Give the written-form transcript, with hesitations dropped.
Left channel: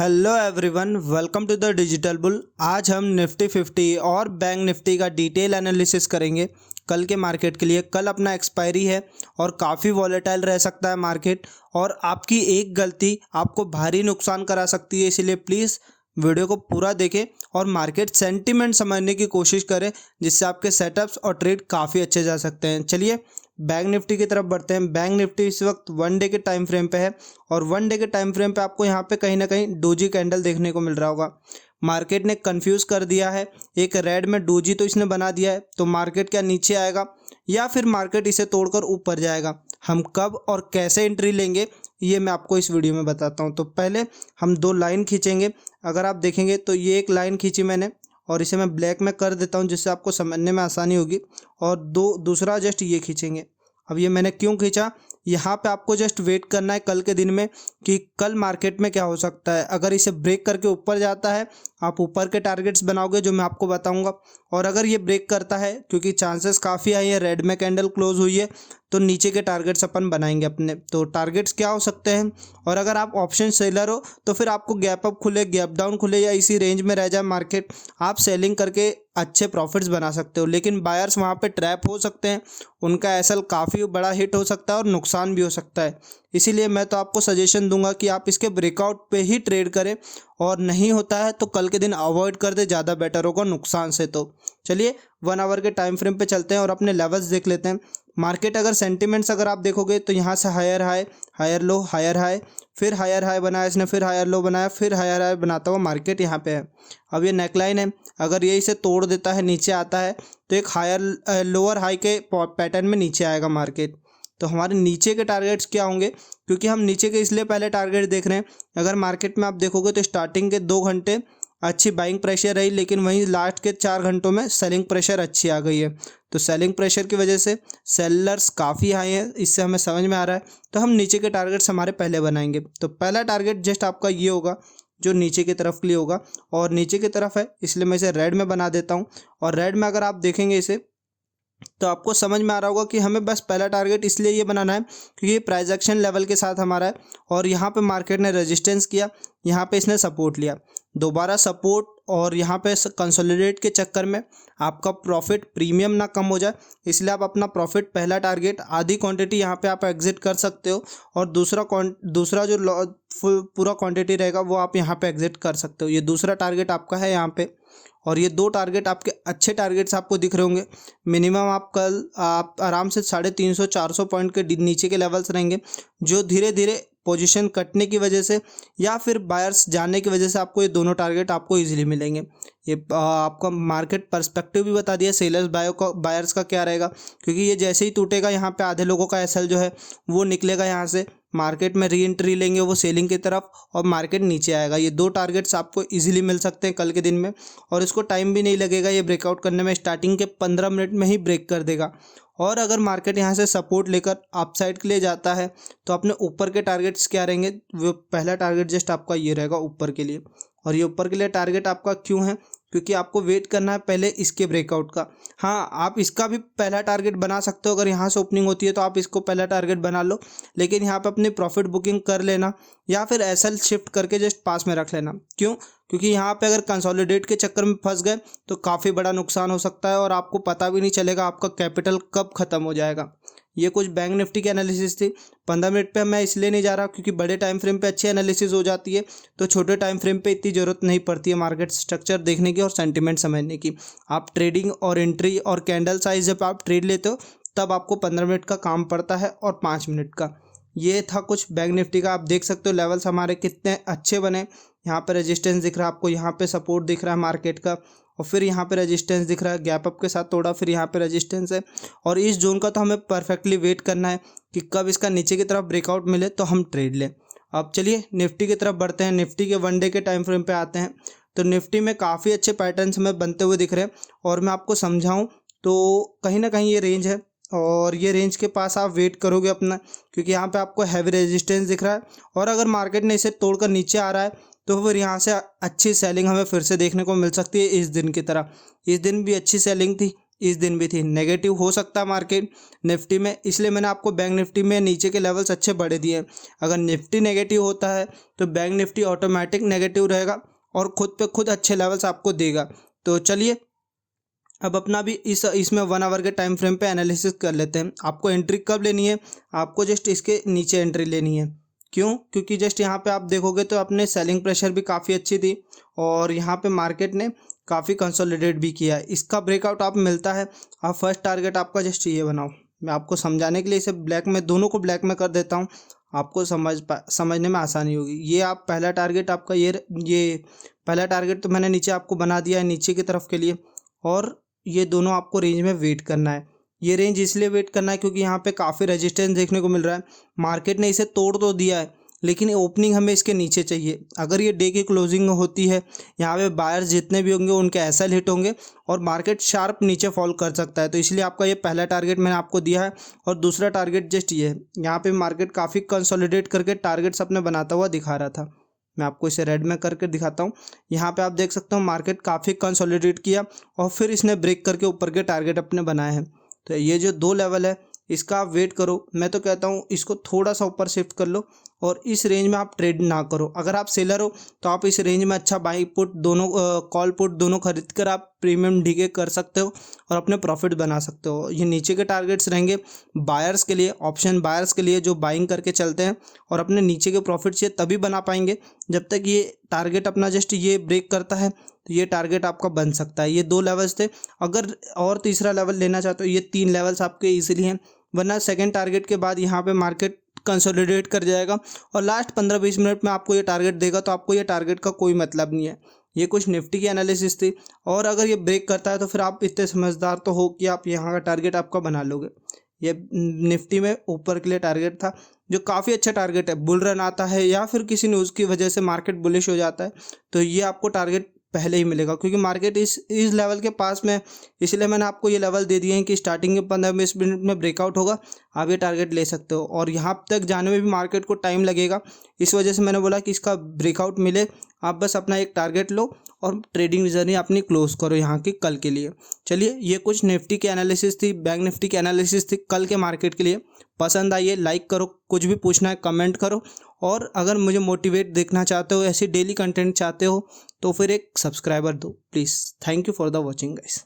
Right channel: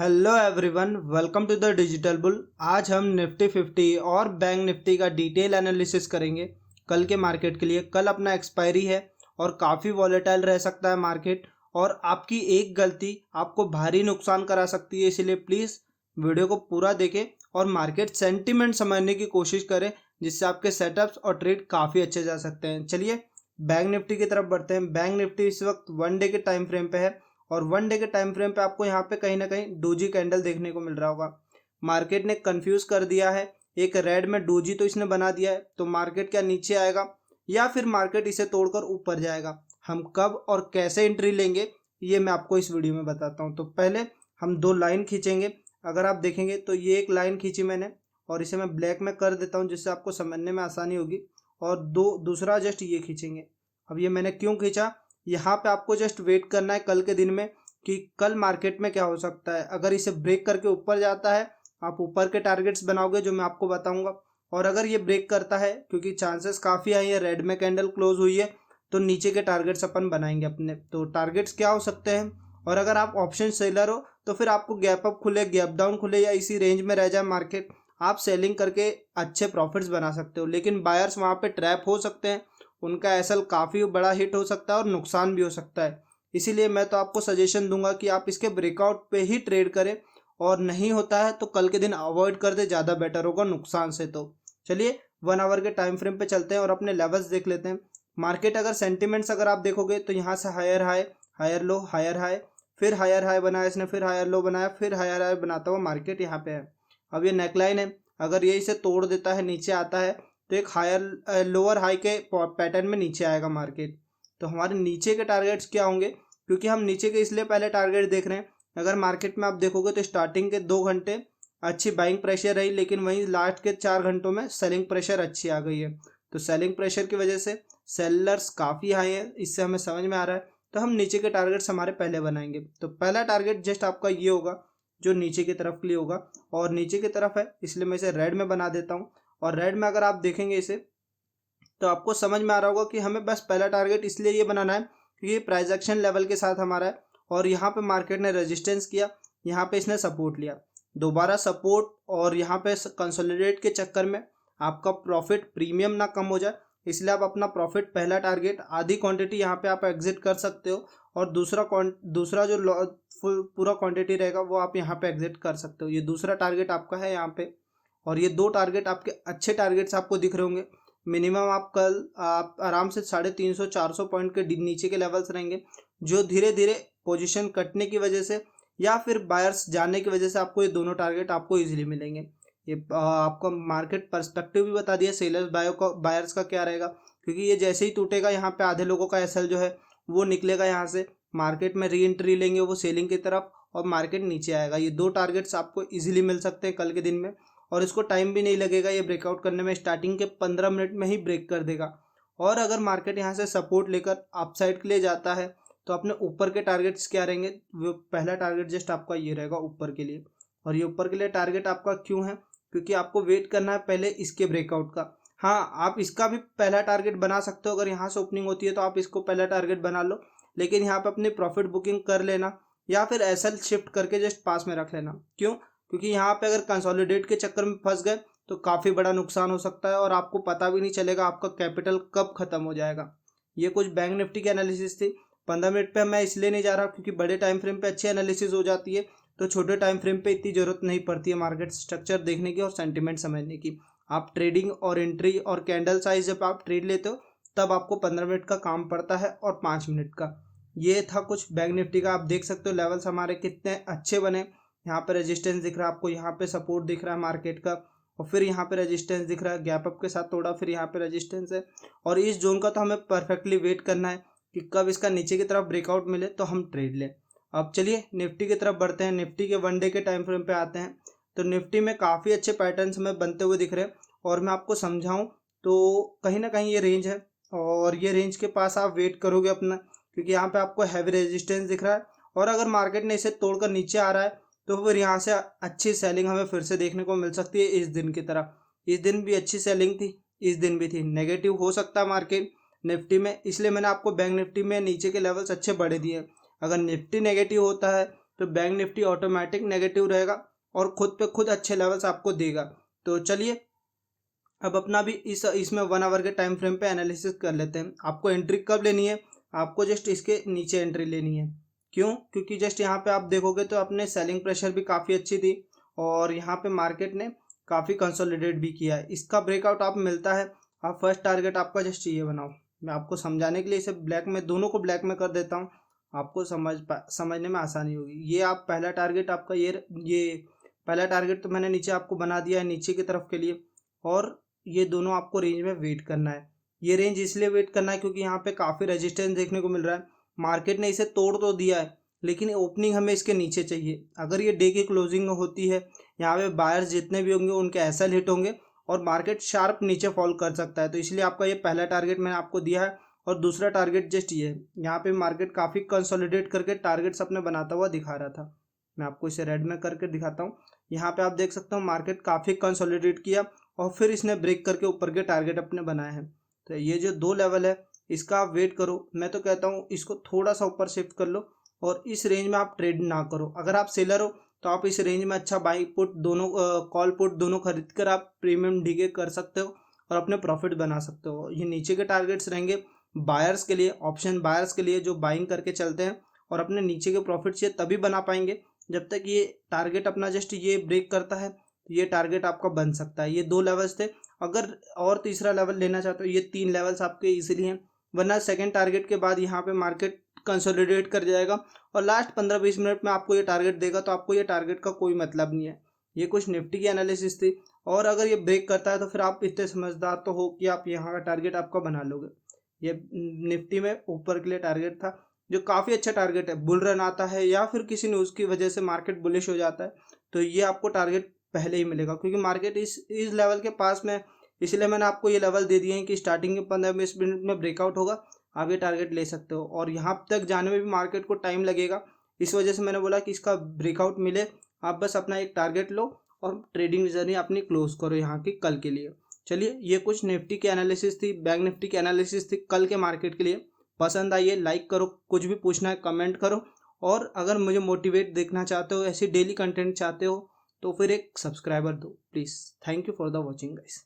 Hello everyone, welcome to the digital bull. आज हम Nifty 50 और बैंक निफ्टी का डिटेल एनालिसिस करेंगे कल के मार्केट के लिए। कल अपना एक्सपायरी है और काफ़ी वॉलेटाइल रह सकता है मार्केट, और आपकी एक गलती आपको भारी नुकसान करा सकती है। इसीलिए प्लीज़ वीडियो को पूरा देखें और मार्केट सेंटीमेंट समझने की कोशिश करें, जिससे आपके सेटअप्स और ट्रेड काफ़ी अच्छे जा सकते हैं। चलिए बैंक निफ्टी की तरफ बढ़ते हैं। बैंक निफ्टी इस वक्त 1 डे के टाइम फ्रेम पे है, और 1 डे के टाइम फ्रेम पे आपको यहाँ पे कहीं ना कहीं डोजी कैंडल देखने को मिल रहा होगा। मार्केट ने कंफ्यूज कर दिया है, एक रेड में डोजी तो इसने बना दिया है, तो मार्केट क्या नीचे आएगा या फिर मार्केट इसे तोड़कर ऊपर जाएगा। हम कब और कैसे एंट्री लेंगे ये मैं आपको इस वीडियो में बताता हूँ। तो पहले हम दो लाइन खींचेंगे। अगर आप देखेंगे तो ये एक लाइन खींची मैंने, और इसे मैं ब्लैक में कर देता हूँ जिससे आपको समझने में आसानी होगी। और दूसरा जस्ट ये खींचेंगे। अब ये मैंने क्यों खींचा, यहाँ पे आपको जस्ट वेट करना है कल के दिन में कि कल मार्केट में क्या हो सकता है। अगर इसे ब्रेक करके ऊपर जाता है, आप ऊपर के टारगेट्स बनाओगे जो मैं आपको बताऊंगा। और अगर ये ब्रेक करता है, क्योंकि चांसेस काफ़ी आई है, रेड में कैंडल क्लोज हुई है, तो नीचे के टारगेट्स अपन बनाएंगे अपने। तो टारगेट्स क्या हो सकते हैं, और अगर आप ऑप्शन सेलर हो तो फिर आपको गैप अप खुले, गैप डाउन खुले, या इसी रेंज में रह जाए मार्केट, आप सेलिंग करके अच्छे प्रॉफिट्स बना सकते हो। लेकिन बायर्स वहाँ पे ट्रैप हो सकते हैं, उनका एसएल काफ़ी बड़ा हिट हो सकता है और नुकसान भी हो सकता है। इसीलिए मैं तो आपको सजेशन दूंगा कि आप इसके ब्रेकआउट पे ही ट्रेड करें, और नहीं होता है तो कल के दिन अवॉइड कर दे, ज़्यादा बेटर होगा नुकसान से। तो चलिए 1 आवर के टाइम फ्रेम पे चलते हैं और अपने लेवल्स देख लेते हैं। मार्केट अगर सेंटिमेंट्स अगर आप देखोगे तो यहाँ से higher high, higher low, higher high, फिर हायर हाई बनाया इसने, फिर हायर लो बनाया, फिर हायर हाई बनाता हुआ मार्केट यहाँ पे है। अब ये नेकलाइन है, अगर ये इसे तोड़ देता है, नीचे आता है, तो एक हायर लोअर हाई के पैटर्न में नीचे आएगा मार्केट। तो हमारे नीचे के टारगेट्स क्या होंगे, क्योंकि हम नीचे के इसलिए पहले टारगेट देख रहे हैं। अगर मार्केट में आप देखोगे तो स्टार्टिंग के 2 घंटे अच्छी बाइंग प्रेशर रही, लेकिन वहीं लास्ट के 4 घंटों में सेलिंग प्रेशर अच्छी आ गई है। तो सेलिंग प्रेशर की वजह से सेलर्स काफ़ी आए हैं, इससे हमें समझ में आ रहा है। तो हम नीचे के टारगेट्स हमारे पहले बनाएंगे। तो पहला टारगेट जस्ट आपका ये होगा जो नीचे की तरफ के लिए होगा, और नीचे की तरफ है इसलिए मैं इसे रेड में बना देता हूँ। और रेड में अगर आप देखेंगे इसे, तो आपको समझ में आ रहा होगा कि हमें बस पहला टारगेट इसलिए ये बनाना है क्योंकि ये प्राइस एक्शन लेवल के साथ हमारा है, और यहाँ पे मार्केट ने रेजिस्टेंस किया, यहाँ पे इसने सपोर्ट लिया, दोबारा सपोर्ट, और यहाँ पे कंसोलिडेट के चक्कर में आपका प्रॉफिट प्रीमियम ना कम हो जाए, इसलिए आप अपना प्रॉफिट पहला टारगेट आधी क्वांटिटी यहाँ पे आप एग्जिट कर सकते हो, और दूसरा जो पूरा क्वांटिटी रहेगा वो आप यहाँ पे एग्जिट कर सकते हो। ये दूसरा टारगेट आपका है यहाँ पे। और ये दो टारगेट आपके अच्छे टारगेट्स आपको दिख रहे होंगे। मिनिमम आप आराम से 350-400 पॉइंट के नीचे के लेवल्स रहेंगे, जो धीरे धीरे पोजीशन कटने की वजह से या फिर बायर्स जाने की वजह से आपको ये दोनों टारगेट आपको इजीली मिलेंगे। ये आपका मार्केट पर्सपेक्टिव भी बता दिया सेलर्स बायर्स का क्या रहेगा, क्योंकि ये जैसे ही टूटेगा यहाँ पे आधे लोगों का एसएल जो है वो निकलेगा, यहाँ से मार्केट में री एंट्री लेंगे वो सेलिंग की तरफ, और मार्केट नीचे आएगा। ये दो टारगेट्स आपको इजीली मिल सकते हैं कल के दिन में, और इसको टाइम भी नहीं लगेगा ये ब्रेकआउट करने में, स्टार्टिंग के 15 मिनट में ही ब्रेक कर देगा। और अगर मार्केट यहाँ से सपोर्ट लेकर अपसाइड के लिए जाता है, तो अपने ऊपर के टारगेट्स क्या रहेंगे, वो पहला टारगेट जस्ट आपका ये रहेगा ऊपर के लिए। और ये ऊपर के लिए टारगेट आपका क्यों है, क्योंकि आपको वेट करना है पहले इसके ब्रेकआउट का। हाँ, आप इसका भी पहला टारगेट बना सकते हो, अगर यहाँ से ओपनिंग होती है तो आप इसको पहला टारगेट बना लो, लेकिन यहाँ पे अपनी प्रॉफिट बुकिंग कर लेना, या फिर एसएल शिफ्ट करके जस्ट पास में रख लेना। क्यों, क्योंकि यहाँ पे अगर कंसोलिडेट के चक्कर में फंस गए तो काफ़ी बड़ा नुकसान हो सकता है, और आपको पता भी नहीं चलेगा आपका कैपिटल कब ख़त्म हो जाएगा। ये कुछ बैंक निफ्टी की एनालिसिस थी। 15 मिनट पे मैं इसलिए नहीं जा रहा क्योंकि बड़े टाइम फ्रेम पे अच्छी एनालिसिस हो जाती है, तो छोटे टाइम फ्रेम पे इतनी ज़रूरत नहीं पड़ती है मार्केट स्ट्रक्चर देखने की और सेंटिमेंट समझने की। आप ट्रेडिंग और एंट्री और कैंडल साइज जब आप ट्रेड लेते हो तब आपको 15 मिनट का काम पड़ता है, और 5 मिनट का। ये था कुछ बैंक निफ्टी का। आप देख सकते हो लेवल्स हमारे कितने अच्छे बने। यहाँ पे रेजिस्टेंस दिख रहा है आपको, यहाँ पे सपोर्ट दिख रहा है मार्केट का, और फिर यहाँ पे रेजिस्टेंस दिख रहा है, गैप अप के साथ तोड़ा, फिर यहाँ पे रेजिस्टेंस है। और इस जोन का तो हमें परफेक्टली वेट करना है कि कब इसका नीचे की तरफ ब्रेकआउट मिले तो हम ट्रेड लें। अब चलिए निफ्टी की तरफ बढ़ते हैं। निफ्टी के 1 डे के टाइम फ्रेम पे आते हैं। तो निफ्टी में काफ़ी अच्छे पैटर्न्स हमें बनते हुए दिख रहे हैं, और मैं आपको समझाऊँ तो कहीं ना कहीं ये रेंज है, और ये रेंज के पास आप वेट करोगे अपना, क्योंकि यहाँ पे आपको हैवी रेजिस्टेंस दिख रहा है। और अगर मार्केट ने इसे तोड़कर नीचे आ रहा है तो फिर यहाँ से अच्छी सेलिंग हमें फिर से देखने को मिल सकती है, इस दिन की तरह। इस दिन भी अच्छी सेलिंग थी, इस दिन भी थी। नेगेटिव हो सकता है मार्केट निफ्टी में, इसलिए मैंने आपको बैंक निफ्टी में नीचे के लेवल्स अच्छे बढ़े दिए हैं। अगर निफ्टी नेगेटिव होता है तो बैंक निफ्टी ऑटोमेटिक नेगेटिव रहेगा और खुद पे खुद अच्छे लेवल्स आपको देगा। तो चलिए अब अपना भी इसमें 1 आवर के टाइम फ्रेम पे एनालिसिस कर लेते हैं। आपको एंट्री कब लेनी है? आपको जस्ट इसके नीचे एंट्री लेनी है। क्यों? क्योंकि जस्ट यहाँ पे आप देखोगे तो अपने सेलिंग प्रेशर भी काफ़ी अच्छी थी और यहाँ पे मार्केट ने काफ़ी कंसोलिडेट भी किया है। इसका ब्रेकआउट आप मिलता है, आप फर्स्ट टारगेट आपका जस्ट ये बनाओ। मैं आपको समझाने के लिए इसे ब्लैक में, दोनों को ब्लैक में कर देता हूँ, आपको समझने में आसानी होगी। ये आप पहला टारगेट आपका ये पहला टारगेट तो मैंने नीचे आपको बना दिया है नीचे की तरफ के लिए, और ये दोनों आपको रेंज में वेट करना है। ये रेंज इसलिए वेट करना है क्योंकि यहाँ पे काफ़ी रेजिस्टेंस देखने को मिल रहा है। मार्केट ने इसे तोड़ तो दिया है लेकिन ओपनिंग हमें इसके नीचे चाहिए। अगर ये डे की क्लोजिंग होती है, यहाँ पे बायर्स जितने भी होंगे उनके एसएल हिट होंगे और मार्केट शार्प नीचे फॉल कर सकता है। तो इसलिए आपका ये पहला टारगेट मैंने आपको दिया है और दूसरा टारगेट जस्ट ये है। यहाँ पे मार्केट काफ़ी कंसोलिडेट करके टारगेट्स अपने बनाता हुआ दिखा रहा था। मैं आपको इसे रेड में करके दिखाता हूँ। यहाँ पे आप देख सकते हो मार्केट काफ़ी कंसोलिडेट किया और फिर इसने ब्रेक करके ऊपर के टारगेट अपने बनाए हैं। तो ये जो 2 लेवल है इसका आप वेट करो। मैं तो कहता हूँ इसको थोड़ा सा ऊपर शिफ्ट कर लो और इस रेंज में आप ट्रेड ना करो। अगर आप सेलर हो तो आप इस रेंज में अच्छा बाई पुट दोनों, कॉल पुट दोनों खरीद कर आप प्रीमियम डीके कर सकते हो और अपने प्रॉफिट बना सकते हो। ये नीचे के टारगेट्स रहेंगे बायर्स के लिए, ऑप्शन बायर्स के लिए जो बाइंग करके चलते हैं और अपने नीचे के प्रॉफिट्स ये तभी बना पाएंगे जब तक ये टारगेट अपना जस्ट ये ब्रेक करता है। तो ये टारगेट आपका बन सकता है। ये 2 लेवल्स थे। अगर और तीसरा लेवल लेना चाहते हो, ये 3 लेवल्स आपके इजीली हैं, वरना सेकंड टारगेट के बाद यहाँ पे मार्केट कंसोलिडेट कर जाएगा और लास्ट 15-20 मिनट में आपको ये टारगेट देगा। तो आपको ये टारगेट का कोई मतलब नहीं है। ये कुछ निफ्टी की एनालिसिस थी और अगर ये ब्रेक करता है तो फिर आप इतने समझदार तो हो कि आप यहाँ का टारगेट आपका बना लोगे। ये निफ्टी में ऊपर के लिए टारगेट था जो काफ़ी अच्छा टारगेट है। बुल रन आता है या फिर किसी न्यूज़ की वजह से मार्केट बुलिश हो जाता है तो ये आपको टारगेट पहले ही मिलेगा क्योंकि मार्केट इस लेवल के पास में। इसलिए मैंने आपको ये लेवल दे दिए हैं कि स्टार्टिंग के 15-20 मिनट में ब्रेकआउट होगा, आप ये टारगेट ले सकते हो और यहाँ तक जाने में भी मार्केट को टाइम लगेगा। इस वजह से मैंने बोला कि इसका ब्रेकआउट मिले, आप बस अपना एक टारगेट लो और ट्रेडिंग जर्नी अपनी क्लोज करो यहाँ की कल के लिए। चलिए ये कुछ निफ्टी की एनालिसिस थी, बैंक निफ्टी की एनालिसिस थी कल के मार्केट के लिए। पसंद आई है लाइक करो, कुछ भी पूछना है कमेंट करो और अगर मुझे मोटिवेट देखना चाहते हो, ऐसी डेली कंटेंट चाहते हो तो फिर एक सब्सक्राइबर दो please. Thank you for the watching guys.